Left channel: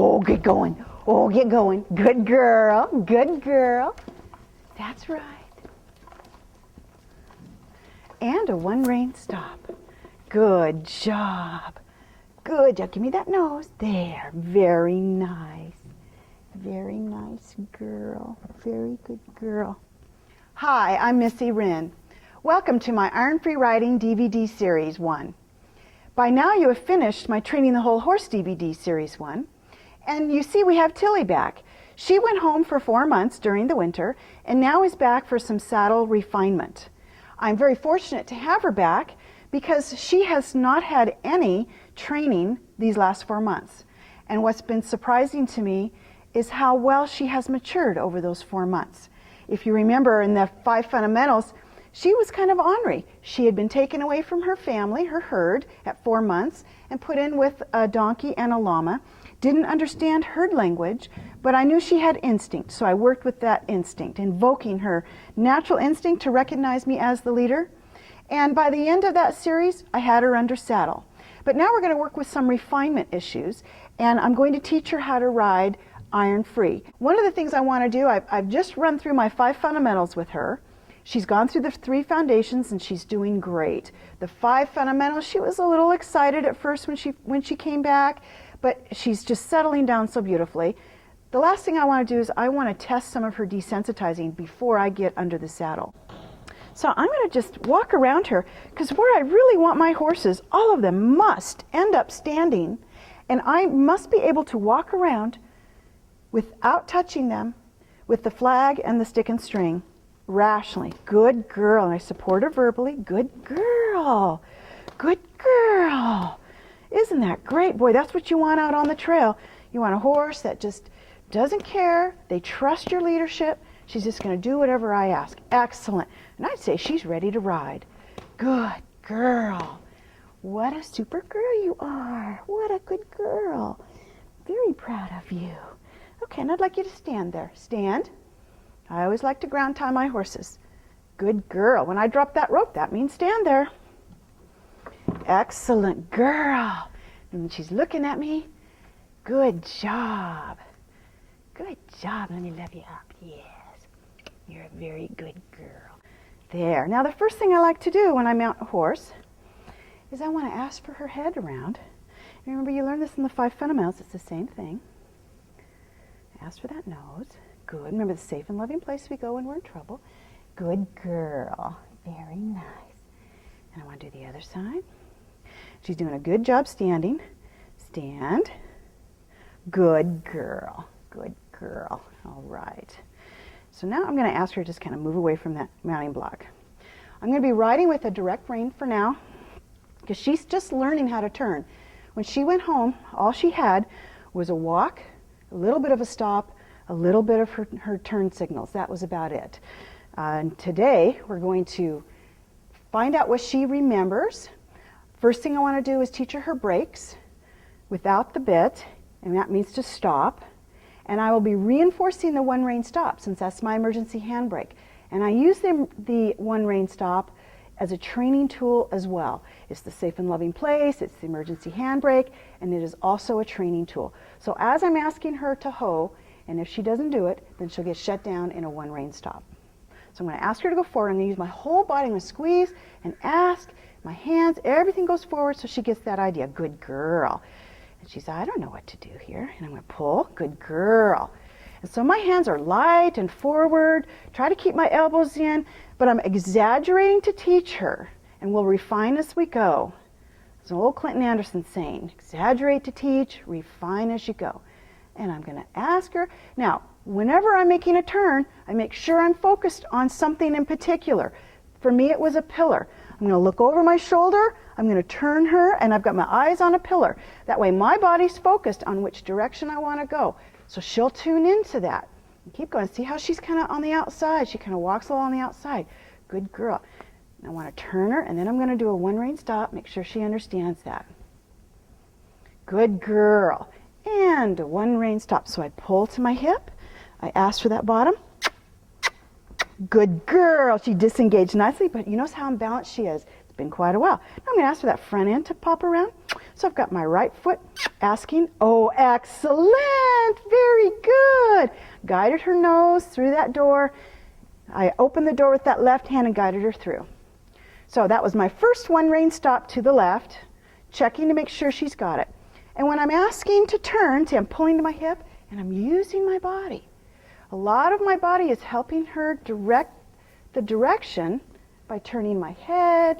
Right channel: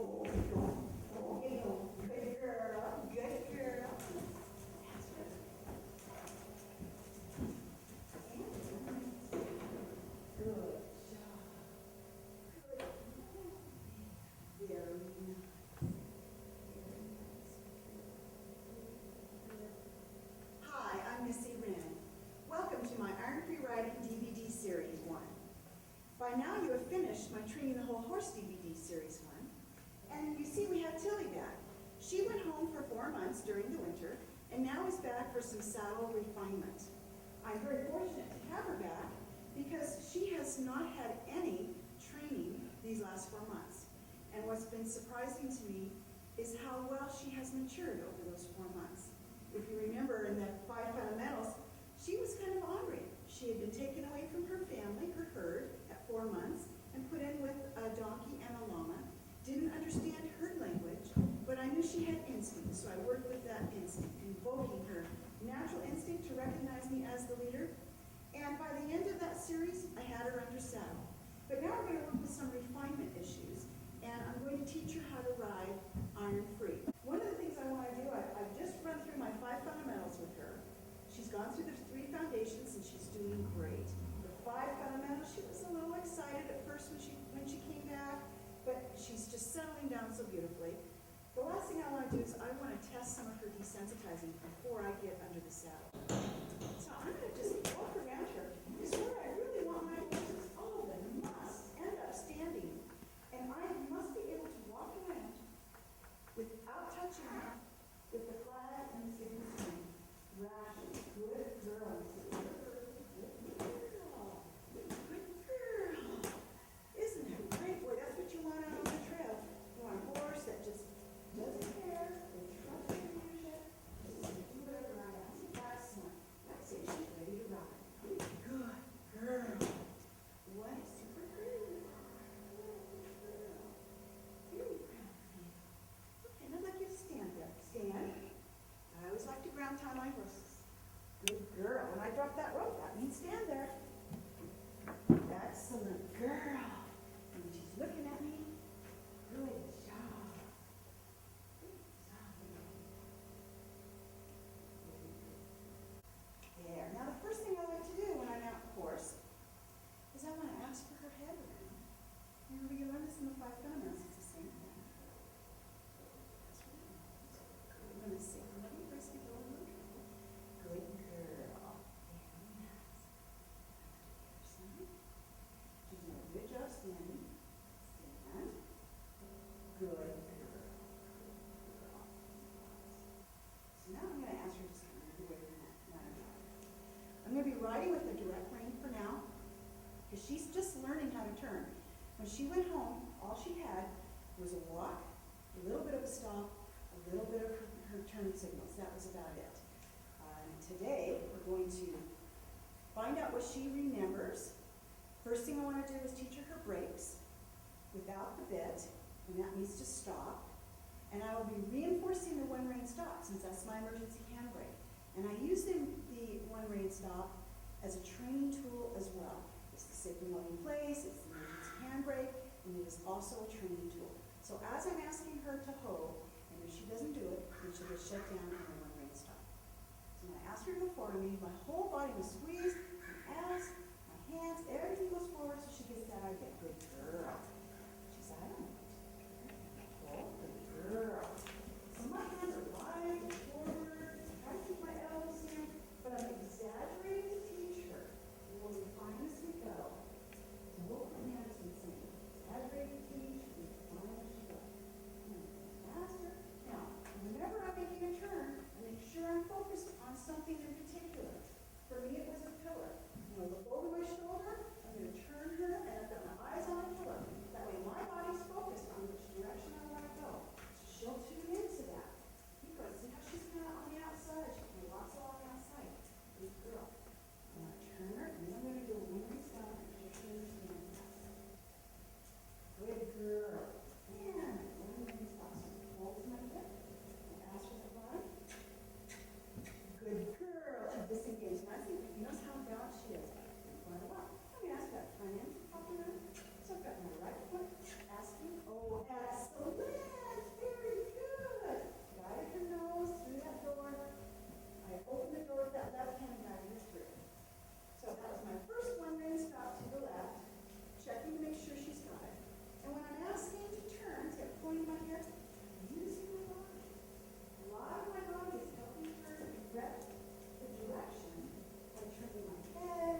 Oh, get going. Oh, get going. Good girl. Good girl. That's right. And a one rein stop. Good job. Good job. Give me that nose. There. Very nice. Very nice girl. Very good girl. Hi, I'm Missy Wryn. Welcome to my Iron Free Riding DVD Series 1. By now you have finished my Training the Whole Horse DVD Series 1. And you see we have Tilly back. She went home for 4 months during the winter and now is back for some saddle refinement. I'm very fortunate to have her back because she has not had any training these last 4 months. And what's been surprising to me is how well she has matured over those 4 months. If you remember in the 5 fundamentals, she was kind of ornery. She had been taken away from her family, her herd, at 4 months and put in with a donkey and a llama. Didn't understand herd language, but I knew she had instinct, so I worked with that instinct, invoking her natural instinct to recognize me as the leader. And by the end of that series, I had her under saddle. But now we're going to work with some refinement issues, and I'm going to teach her how to ride iron free. One of the things I want to do, I've just run through my 5 fundamentals with her. She's gone through the 3 foundations and she's doing great. The 5 fundamentals, she was a little excited at first when she came back, but she's just settling down so beautifully. The last thing I want to do is I want to test some of her desensitizing before I get under the saddle. So I'm going to just walk around her, because where I really want my horses, all of them must end up standing, and I must be able to walk around without touching them with the flag and the stick and string rationally. Good girl. And I support her verbally. Good girl. Good girl. Isn't that great? Boy, that's what you want out on the trail. You want a horse that just doesn't care. They trust your leadership. She's just going to do whatever I ask. Excellent. And I'd say she's ready to ride. Good girl. What a super girl you are. What a good girl. Very proud of you. Okay, and I'd like you to stand there. Stand. I always like to ground tie my horses. Good girl. When I drop that rope, that means stand there. Excellent girl. And she's looking at me. Good job. Good job. Let me love you up. Yes. You're a very good girl. There. Now the first thing I like to do when I mount a horse is I want to ask for her head around. Remember, you learned this in the 5 fundamentals. It's the same thing. Ask for that nose. Good. Remember, the safe and loving place we go when we're in trouble. Good girl. Very nice. And I want to do the other side. She's doing a good job standing. Stand. Good girl. Good girl. All right. So now I'm going to ask her to just kind of move away from that mounting block. I'm going to be riding with a direct rein for now because she's just learning how to turn. When she went home, all she had was a walk, a little bit of a stop, a little bit of her turn signals. That was about it. And today we're going to find out what she remembers. First thing I want to do is teach her brakes without the bit, and that means to stop. And I will be reinforcing the one rein stop since that's my emergency handbrake. And I use the one rein stop as a training tool as well. It's the safe and loving place, it's the emergency handbrake, and it is also a training tool. So as I'm asking her to hoe, and if she doesn't do it, then she'll get shut down in a one rein stop. So I'm going to ask her to go forward. I'm going to use my whole body. I'm going to squeeze and ask. My hands, everything goes forward so she gets that idea. Good girl. And she says, I don't know what to do here. And I'm going to pull. Good girl. And so my hands are light and forward. Try to keep my elbows in, but I'm exaggerating to teach her. And we'll refine as we go. As old Clinton Anderson saying, exaggerate to teach, refine as you go. And I'm going to ask her. Now, whenever I'm making a turn, I make sure I'm focused on something in particular. For me, it was a pillar. I'm going to look over my shoulder, I'm going to turn her, and I've got my eyes on a pillar. That way my body's focused on which direction I want to go. So she'll tune into that. And keep going. See how she's kind of on the outside. She kind of walks along the outside. Good girl. And I want to turn her, and then I'm going to do a one rein stop. Make sure she understands that. Good girl. And a one rein stop. So I pull to my hip. I ask for that bottom. Good girl. She disengaged nicely, but you notice how unbalanced she is. It's been quite a while. Now I'm going to ask for that front end to pop around. So I've got my right foot asking, oh, excellent, very good. Guided her nose through that door. I opened the door with that left hand and guided her through. So that was my first one rein stop to the left, checking to make sure she's got it. And when I'm asking to turn, see, I'm pulling to my hip and I'm using my body. A lot of my body is helping her direct the direction by turning my head,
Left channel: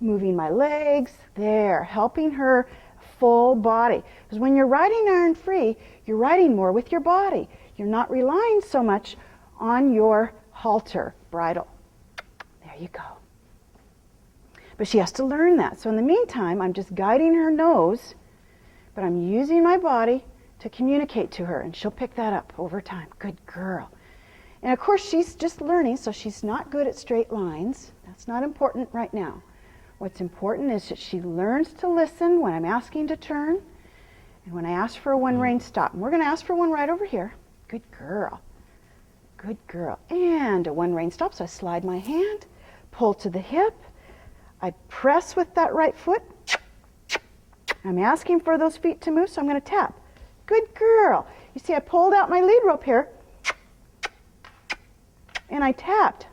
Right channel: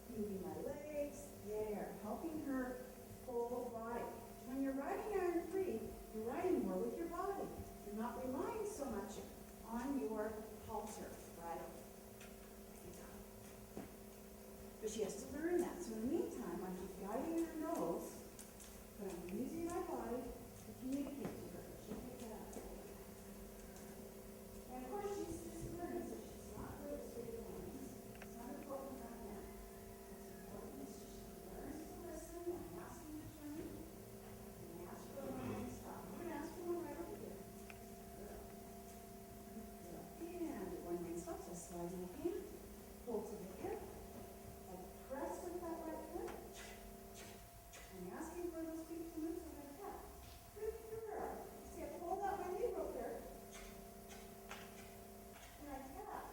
moving my legs, there, helping her full body. Because when you're riding iron free, you're riding more with your body. You're not relying so much on your halter bridle. There you go. But she has to learn that. So in the meantime, I'm just guiding her nose, but I'm using my body to communicate to her, and she'll pick that up over time. Good girl. And of course, she's just learning, so she's not good at straight lines. That's not important right now. What's important is that she learns to listen when I'm asking to turn and when I ask for a one rein stop. And we're going to ask for one right over here. Good girl. Good girl. And a one rein stop, so I slide my hand, pull to the hip. I press with that right foot. I'm asking for those feet to move, so I'm going to tap. Good girl. You see, I pulled out my lead rope here, and I tapped.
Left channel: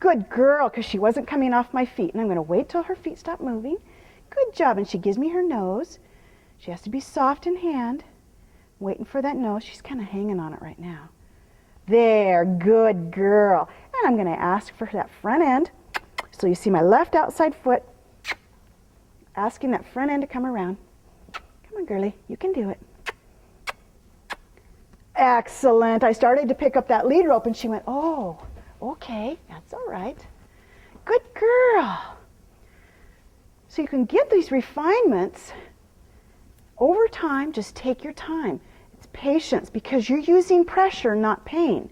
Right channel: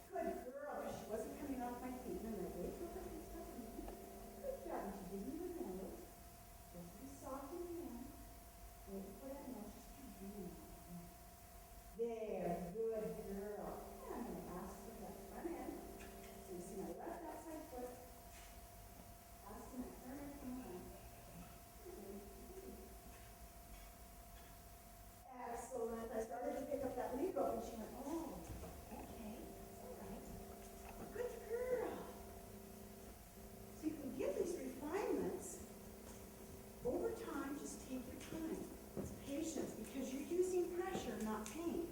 Good girl, because she wasn't coming off my feet. And I'm going to wait till her feet stop moving. Good job. And she gives me her nose. She has to be soft in hand. Waiting for that nose. She's kind of hanging on it right now. There, good girl. And I'm going to ask for that front end. So you see my left outside foot, asking that front end to come around. Come on, girlie, you can do it. Excellent. I started to pick up that lead rope and she went, oh, okay, that's all right. Good girl. So you can get these refinements over time. Just take your time. It's patience, because you're using pressure, not pain.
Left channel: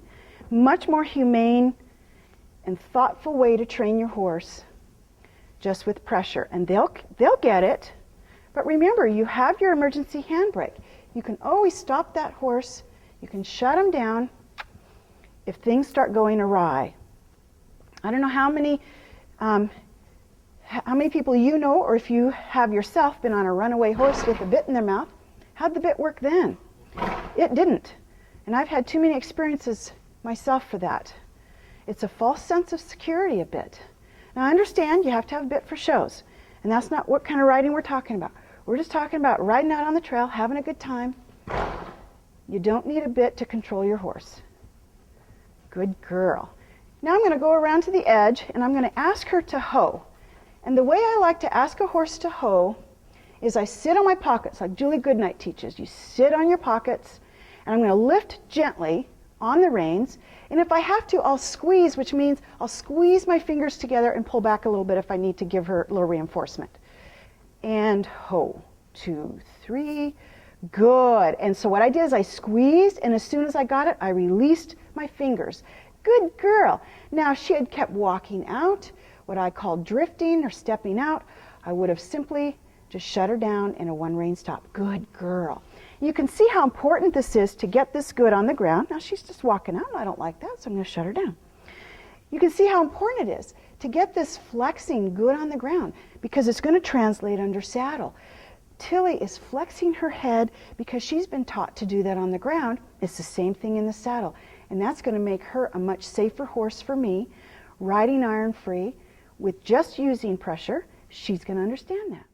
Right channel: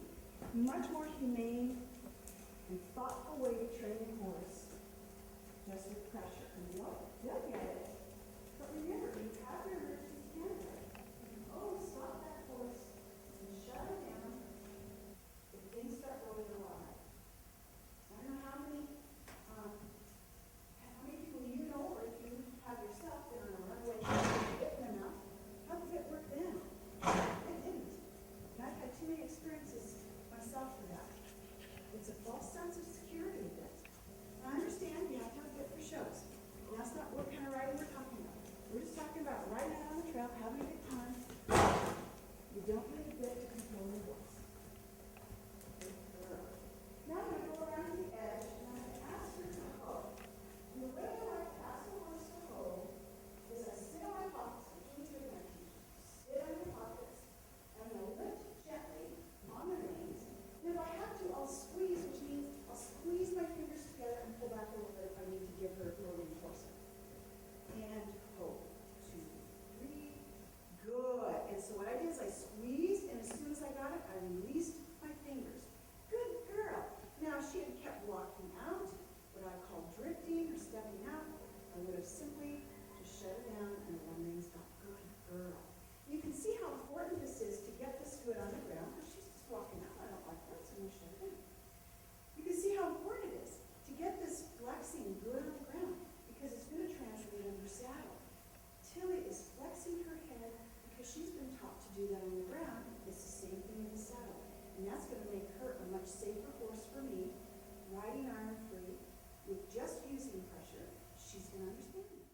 Much more humane and thoughtful way to train your horse, just with pressure. And they'll get it. But remember, you have your emergency handbrake. You can always stop that horse. You can shut him down if things start going awry. I don't know how many people you know, or if you have yourself been on a runaway horse with a bit in their mouth. How'd the bit work then? It didn't. And I've had too many experiences myself for that. It's a false sense of security, a bit. Now I understand you have to have a bit for shows, and that's not what kind of riding we're talking about. We're just talking about riding out on the trail, having a good time. You don't need a bit to control your horse. Good girl. Now I'm going to go around to the edge, and I'm going to ask her to hoe. And the way I like to ask a horse to hoe is I sit on my pockets, like Julie Goodnight teaches. You sit on your pockets, and I'm going to lift gently on the reins. And if I have to, I'll squeeze, which means I'll squeeze my fingers together and pull back a little bit if I need to give her a little reinforcement. And hoe. 2, 3. Good. And so what I did is I squeezed, and as soon as I got it, I released my fingers. Good girl. Now, if she had kept walking out, what I call drifting or stepping out, I would have simply just shut her down in a one rein stop. Good girl. You can see how important this is to get this good on the ground. Now she's just walking out. I don't like that, so I'm going to shut her down. You can see how important it is to get this flexing good on the ground, because it's going to translate under saddle. Tilly is flexing her head because she's been taught to do that on the ground. It's the same thing in the saddle. And that's going to make her a much safer horse for me, riding iron free with just using pressure. She's going to understand that.